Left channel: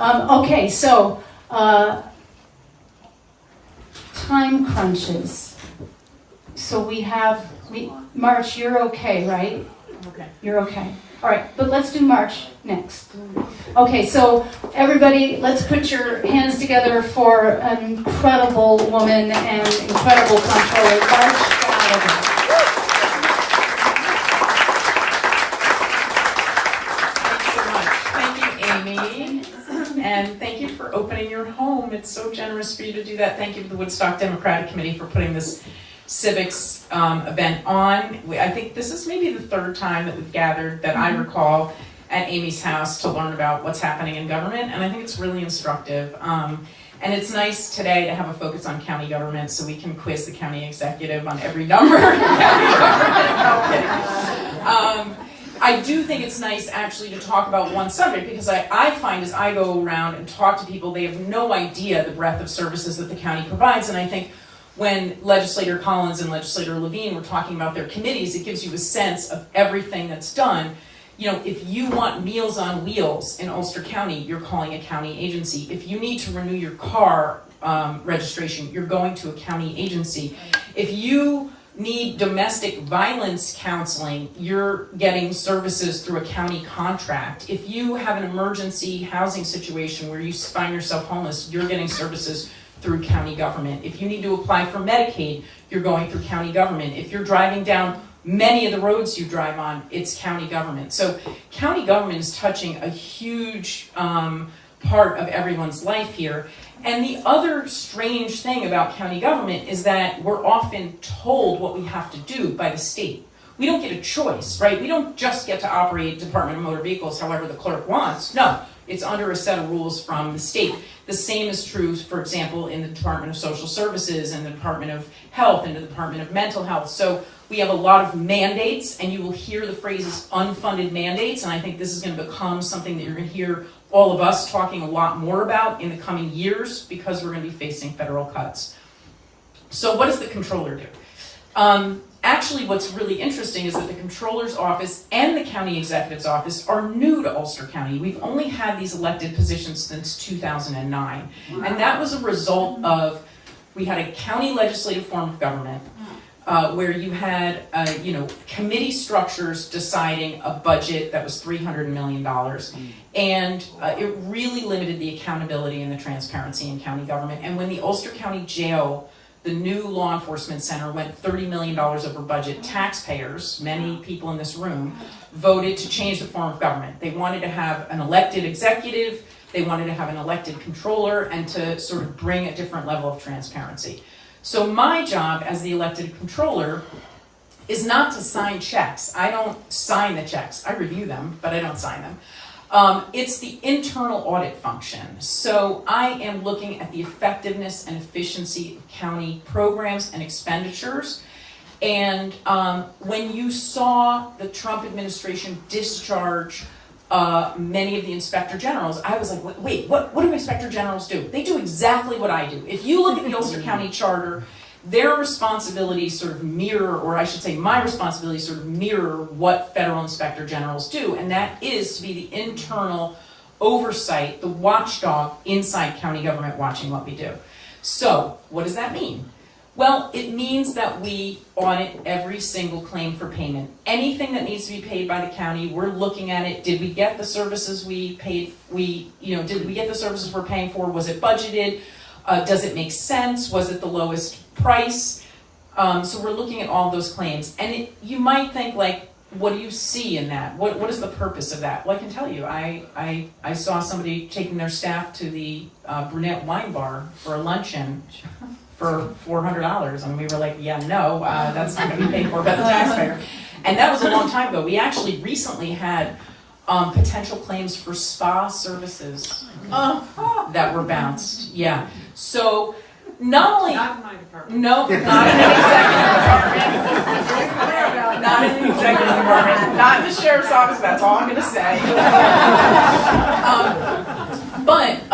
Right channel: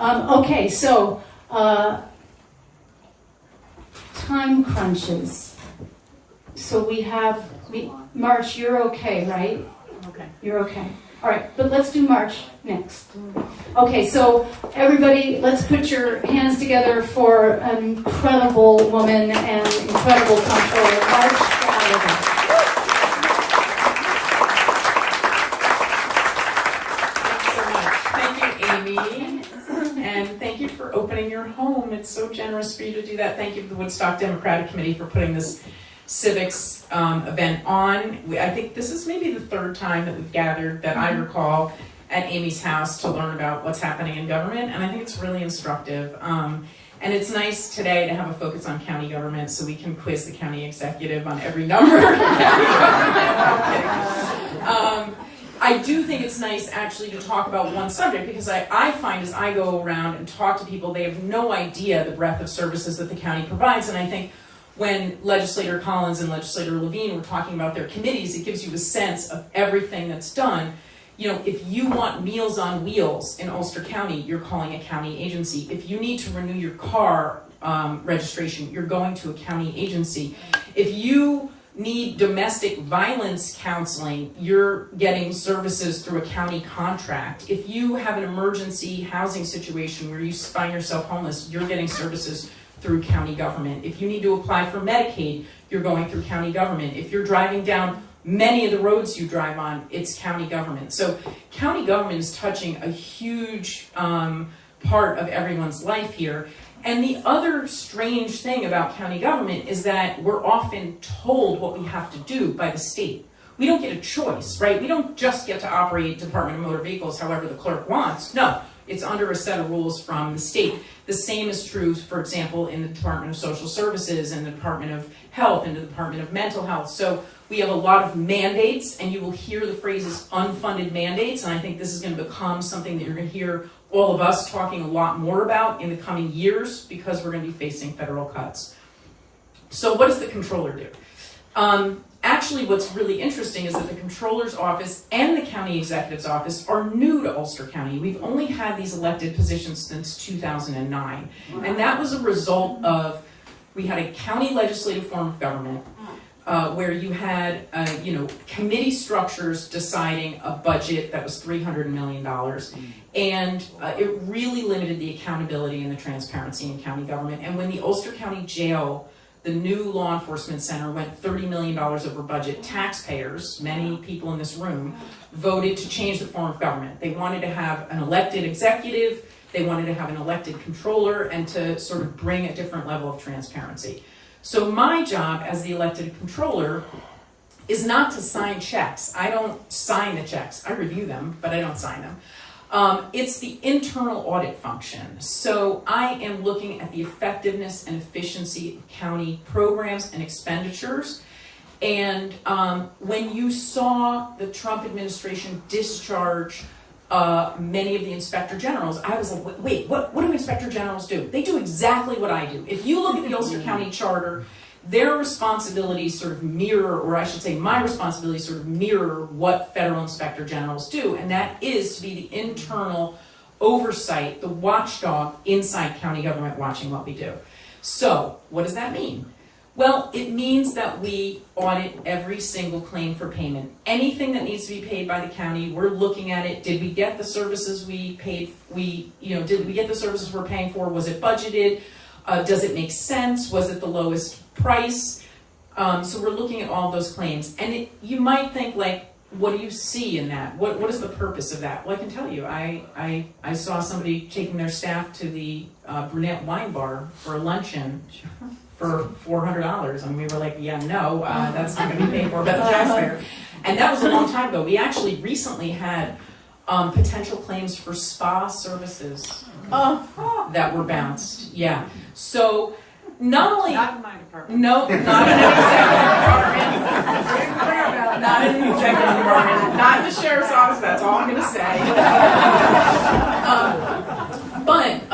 Okay, so time crunches. So we have, March, you're okay, right? Okay. You're okay. All right, but let's do March next. Okay, so everybody, let's put your hands together for an incredible woman and incredible comptroller, March Gallagher. And thank you for opening your home. It's so generous for you to do that. Thank you to the Woodstock Democratic Committee for putting this civics event on. I think this is maybe the third time that we've gathered, that I recall, at Amy's house to learn about what's happening in government, and I think it's really instructive. And it's nice today to have a focus on county government so we can quiz the county executive on every number in county government. No, I'm kidding. I do think it's nice actually to talk about one subject, because I find as I go around and talk to people, they have no idea the breadth of services that the county provides. And I think when Legislator Collins and Legislator Levine were talking about their committees, it gives you a sense of everything that's done. You know, if you want Meals on Wheels in Ulster County, you're calling a county agency. If you need to renew your car registration, you're going to a county agency. If you need domestic violence counseling, you're getting services through a county contract. If you have an emergency housing situation where you find yourself homeless, you're getting services through county government. If you need to apply for Medicaid, you're going through county government. If you're driving down many of the roads you drive on, it's county government. So county government is touching a huge part of everyone's life here. And the other strange thing about county government is that we're often told what we have to do by the state. We don't get a choice, right? We don't just get to operate Department of Motor Vehicles however the clerk wants. No, it's under a set of rules from the state. The same is true, for example, in the Department of Social Services and the Department of Health and the Department of Mental Health. So we have a lot of mandates, and you will hear the phrases unfunded mandates, and I think this is going to become something that you're going to hear all of us talking a lot more about in the coming years, because we're going to be facing federal cuts. So what does the controller do? Actually, what's really interesting is that the controller's office and the county executive's office are new to Ulster County. We've only had these elected positions since 2009. And that was a result of, we had a county legislative form of government where you had, committee structures deciding a budget that was $300 million. And it really limited the accountability and the transparency in county government. And when the Ulster County Jail, the new law enforcement center, went $30 million over budget, taxpayers, many people in this room, voted to change the form of government. They wanted to have an elected executive, they wanted to have an elected controller, and to sort of bring a different level of transparency. So my job as the elected controller is not to sign checks. I don't sign the checks. I review them, but I don't sign them. It's the internal audit function. So I am looking at the effectiveness and efficiency of county programs and expenditures. And when you saw the Trump administration discharge many of the inspector generals, I was like, wait, what do inspector generals do? They do exactly what I do. If you look at the Ulster County Charter, their responsibilities sort of mirror, or I should say my responsibilities sort of mirror what federal inspector generals do, and that is to be the internal oversight, the watchdog inside county government watching what we do. So what does that mean? Well, it means that we audit every single claim for payment. Anything that needs to be paid by the county, we're looking at it. Did we get the services we paid? Did we get the services we're paying for? Was it budgeted? Does it make sense? Was it the lowest price? So we're looking at all of those claims. And you might think, like, what do you see in that? What is the purpose of that? Well, I can tell you, I saw somebody taking their staff to the Brunette Wine Bar for a luncheon for $400, and we were like, yeah, no, that's not going to be paid for by the taxpayer. And that was a long time ago. We actually recently had potential claims for spa services that were bounced. Yeah. So not only Not in my department. no, not in an executive department, not in an executive department, not in the sheriff's office. That's all I'm going to say. But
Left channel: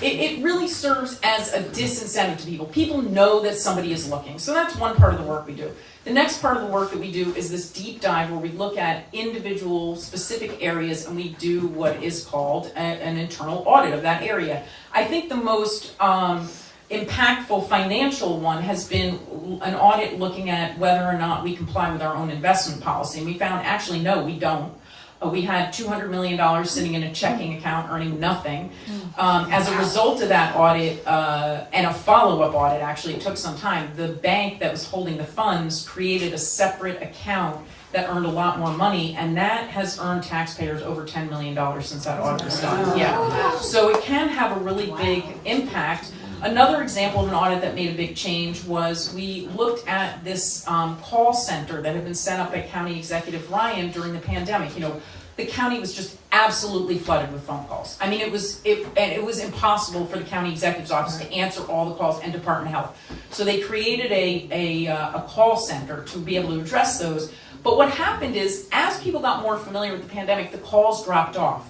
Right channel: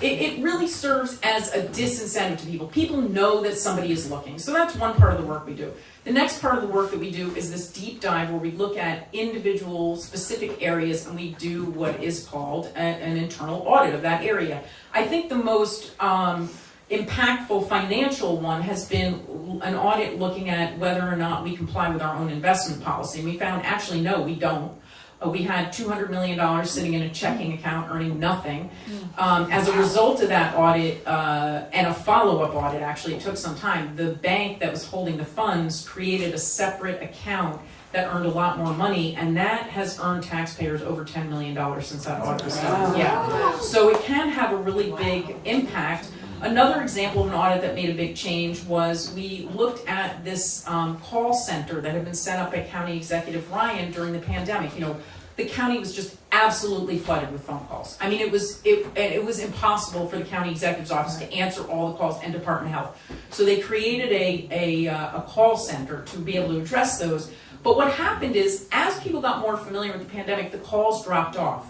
it really serves as a disincentive to people. People know that somebody is looking. So that's one part of the work we do. The next part of the work that we do is this deep dive where we look at individual specific areas and we do what is called an internal audit of that area. I think the most impactful financial one has been an audit looking at whether or not we comply with our own investment policy. And we found actually no, we don't. We had $200 million sitting in a checking account earning nothing. As a result of that audit and a follow-up audit, actually it took some time, the bank that was holding the funds created a separate account that earned a lot more money, and that has earned taxpayers over $10 million since that audit was done. Yeah. So it can have a really big impact. Another example of an audit that made a big change was we looked at this call center that had been set up at County Executive Ryan during the pandemic. You know, the county was just absolutely flooded with phone calls. I mean, it was impossible for the county executive's office to answer all the calls, and Department of Health. So they created a call center to be able to address those. But what happened is, as people got more familiar with the pandemic, the calls dropped off.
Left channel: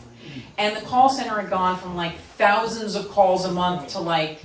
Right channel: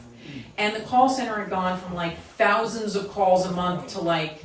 And the call center had gone from like thousands of calls a month to like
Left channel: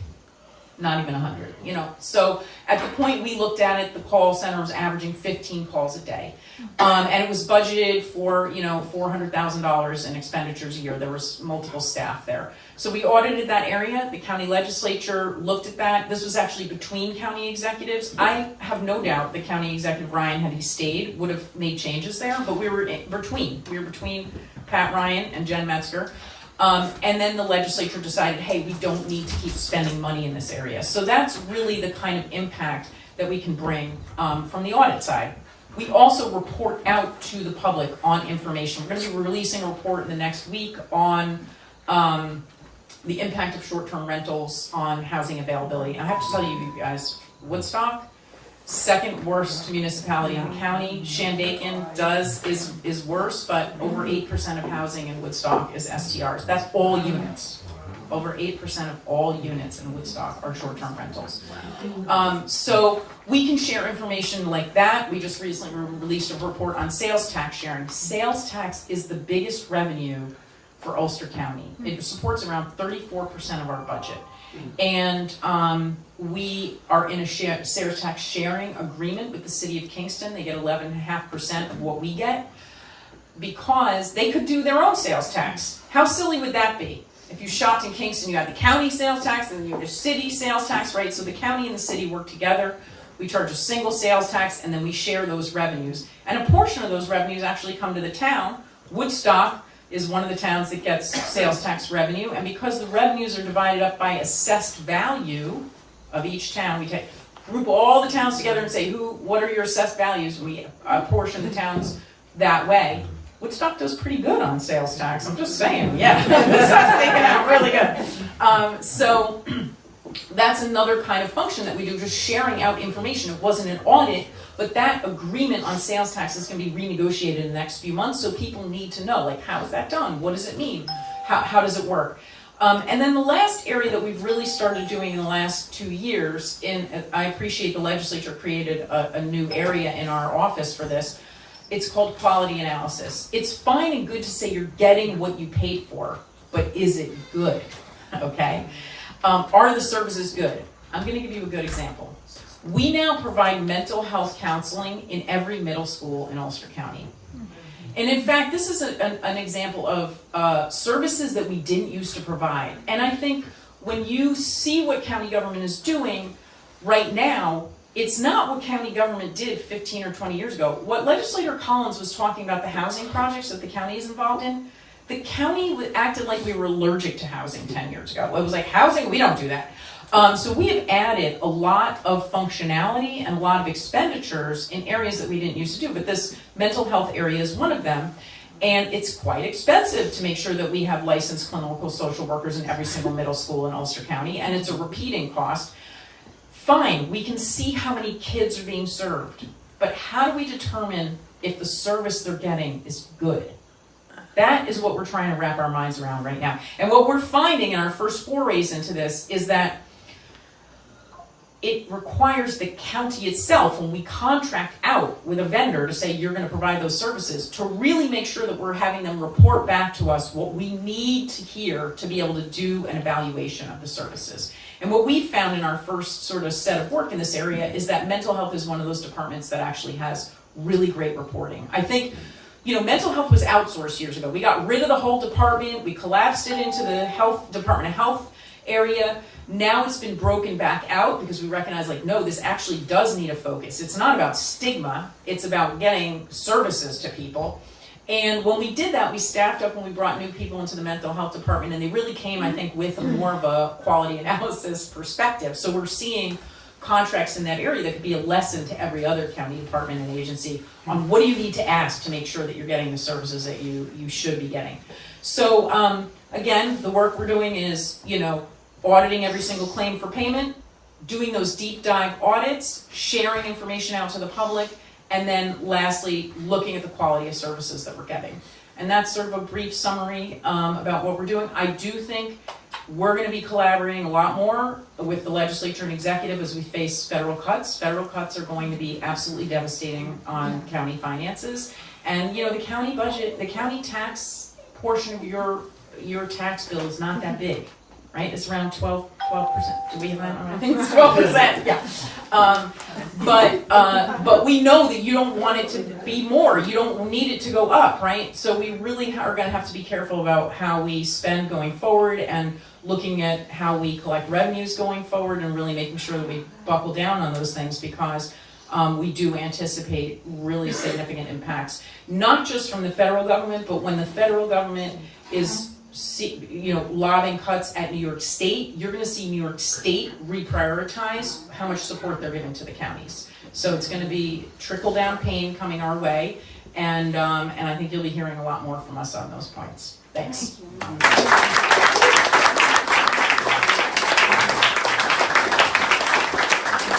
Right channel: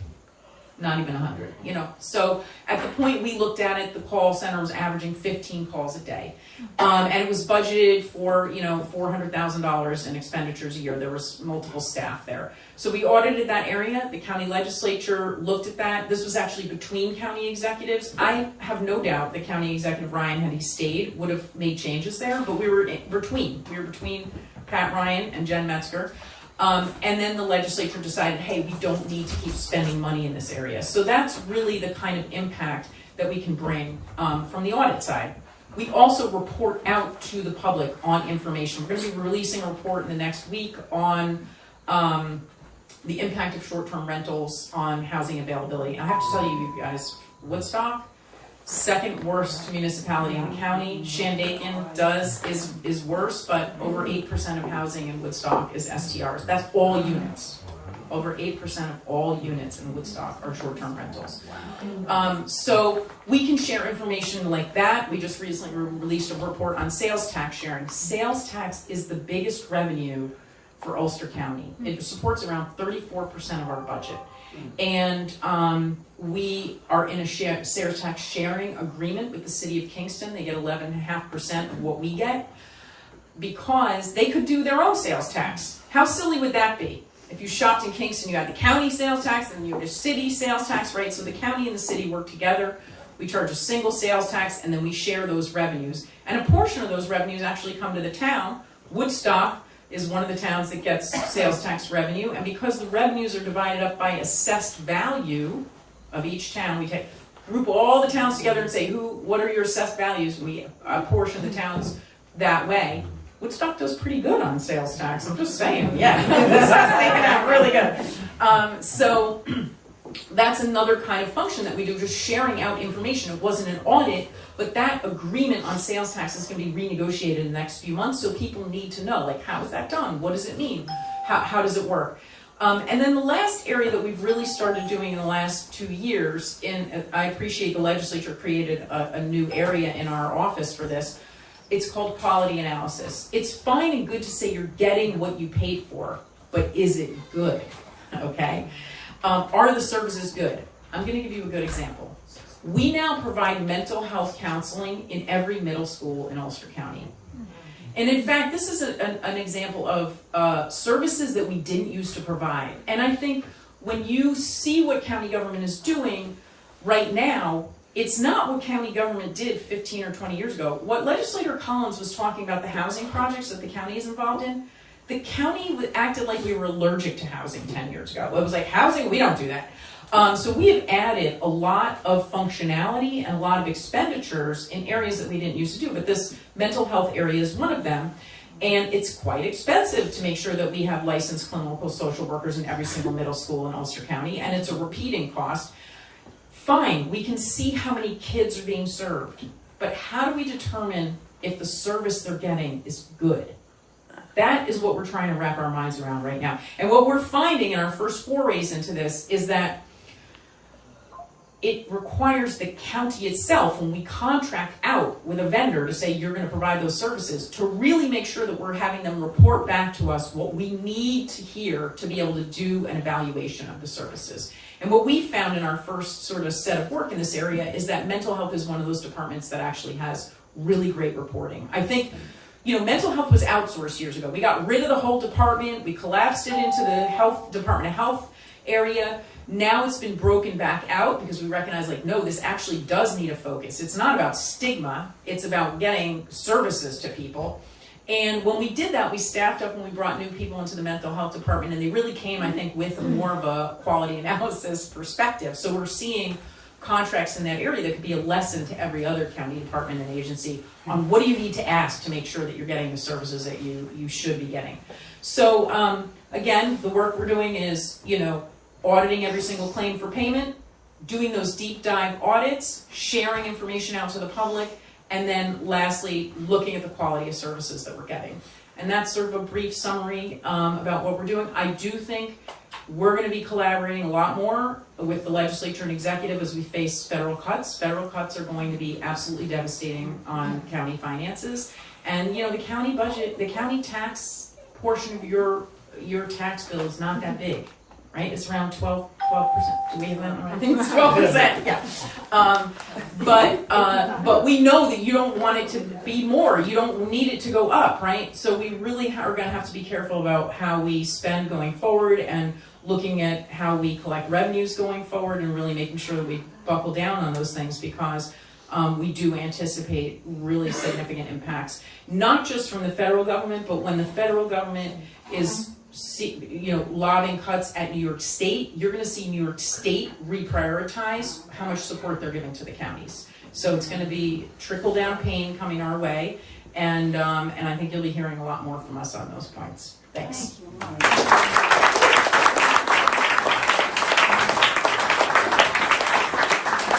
not even 100, you know. So at the point we looked at it, the call center was averaging 15 calls a day. And it was budgeted for, you know, $400,000 in expenditures a year. There was multiple staff there. So we audited that area. The county legislature looked at that. This was actually between county executives. I have no doubt the county executive, Ryan, had he stayed, would have made changes there, but we were between Pat Ryan and Jen Metzger. And then the legislature decided, hey, we don't need to keep spending money in this area. So that's really the kind of impact that we can bring from the audit side. We also report out to the public on information. We're going to be releasing a report in the next week on the impact of short-term rentals on housing availability. And I have to tell you guys, Woodstock, second worst municipality in the county. Shandaken is worse, but over 8% of housing in Woodstock is STRs. That's all units. Over 8% of all units in Woodstock are short-term rentals. So we can share information like that. We just recently released a report on sales tax sharing. Sales tax is the biggest revenue for Ulster County. It supports around 34% of our budget. And we are in a sales tax sharing agreement with the city of Kingston. They get 11.5% of what we get because they could do their own sales tax. How silly would that be? If you shopped in Kingston, you got the county sales tax and you have the city sales tax, right? So the county and the city work together. We charge a single sales tax and then we share those revenues. And a portion of those revenues actually come to the town. Woodstock is one of the towns that gets sales tax revenue, and because the revenues are divided up by assessed value of each town, we group all the towns together and say, what are your assessed values? We apportion the towns that way. Woodstock does pretty good on sales tax, I'm just saying, yeah. Woodstock's taking out really good. So that's another kind of function that we do, just sharing out information. It wasn't an audit, but that agreement on sales tax is going to be renegotiated in the next few months, so people need to know, like, how is that done? What does it mean? How does it work? And then the last area that we've really started doing in the last 2 years, and I appreciate the legislature created a new area in our office for this. It's called quality analysis. It's fine and good to say you're getting what you paid for, but is it good? Okay? Are the services good? I'm going to give you a good example. We now provide mental health counseling in every middle school in Ulster County. And in fact, this is an example of services that we didn't used to provide. And I think when you see what county government is doing right now, it's not what county government did 15 or 20 years ago. What Legislator Collins was talking about, the housing projects that the county is involved in, the county acted like we were allergic to housing 10 years ago. It was like, housing, we don't do that. So we have added a lot of functionality and a lot of expenditures in areas that we didn't used to do, but this mental health area is one of them. And it's quite expensive to make sure that we have licensed clinical social workers in every single middle school in Ulster County, and it's a repeating cost. Fine, we can see how many kids are being served, but how do we determine if the service they're getting is good? That is what we're trying to wrap our minds around right now. And what we're finding in our first forays into this is that it requires the county itself, when we contract out with a vendor to say you're going to provide those services, to really make sure that we're having them report back to us what we need to hear to be able to do an evaluation of the services. And what we found in our first sort of set of work in this area is that mental health is one of those departments that actually has really great reporting. I think, mental health was outsourced years ago. We got rid of the whole department, we collapsed it into the Department of Health area. Now it's been broken back out because we recognize, no, this actually does need a focus. It's not about stigma, it's about getting services to people. And when we did that, we staffed up when we brought new people into the mental health department, and they really came, I think, with more of a quality analysis perspective. So we're seeing contracts in that area that could be a lesson to every other county department and agency on what do you need to ask to make sure that you're getting the services that you should be getting. So again, the work we're doing is, auditing every single claim for payment, doing those deep dive audits, sharing information out to the public, and then lastly, looking at the quality of services that we're getting. And that's sort of a brief summary about what we're doing. I do think we're going to be collaborating a lot more with the legislature and executive as we face federal cuts. Federal cuts are going to be absolutely devastating on county finances. And the county budget, the county tax portion of your tax bill is not that big, right? It's around 12%. Do we have that? I think it's 12%, yeah. But we know that you don't want it to be more. You don't need it to go up, right? So we really are going to have to be careful about how we spend going forward, and looking at how we collect revenues going forward, and really making sure that we buckle down on those things, because we do anticipate really significant impacts, not just from the federal government, but when the federal government is lobbying cuts at New York State, you're going to see New York State reprioritize how much support they're giving to the counties. So it's going to be trickle-down pain coming our way, and I think you'll be hearing a lot more from us on those points. Thanks. Thank you.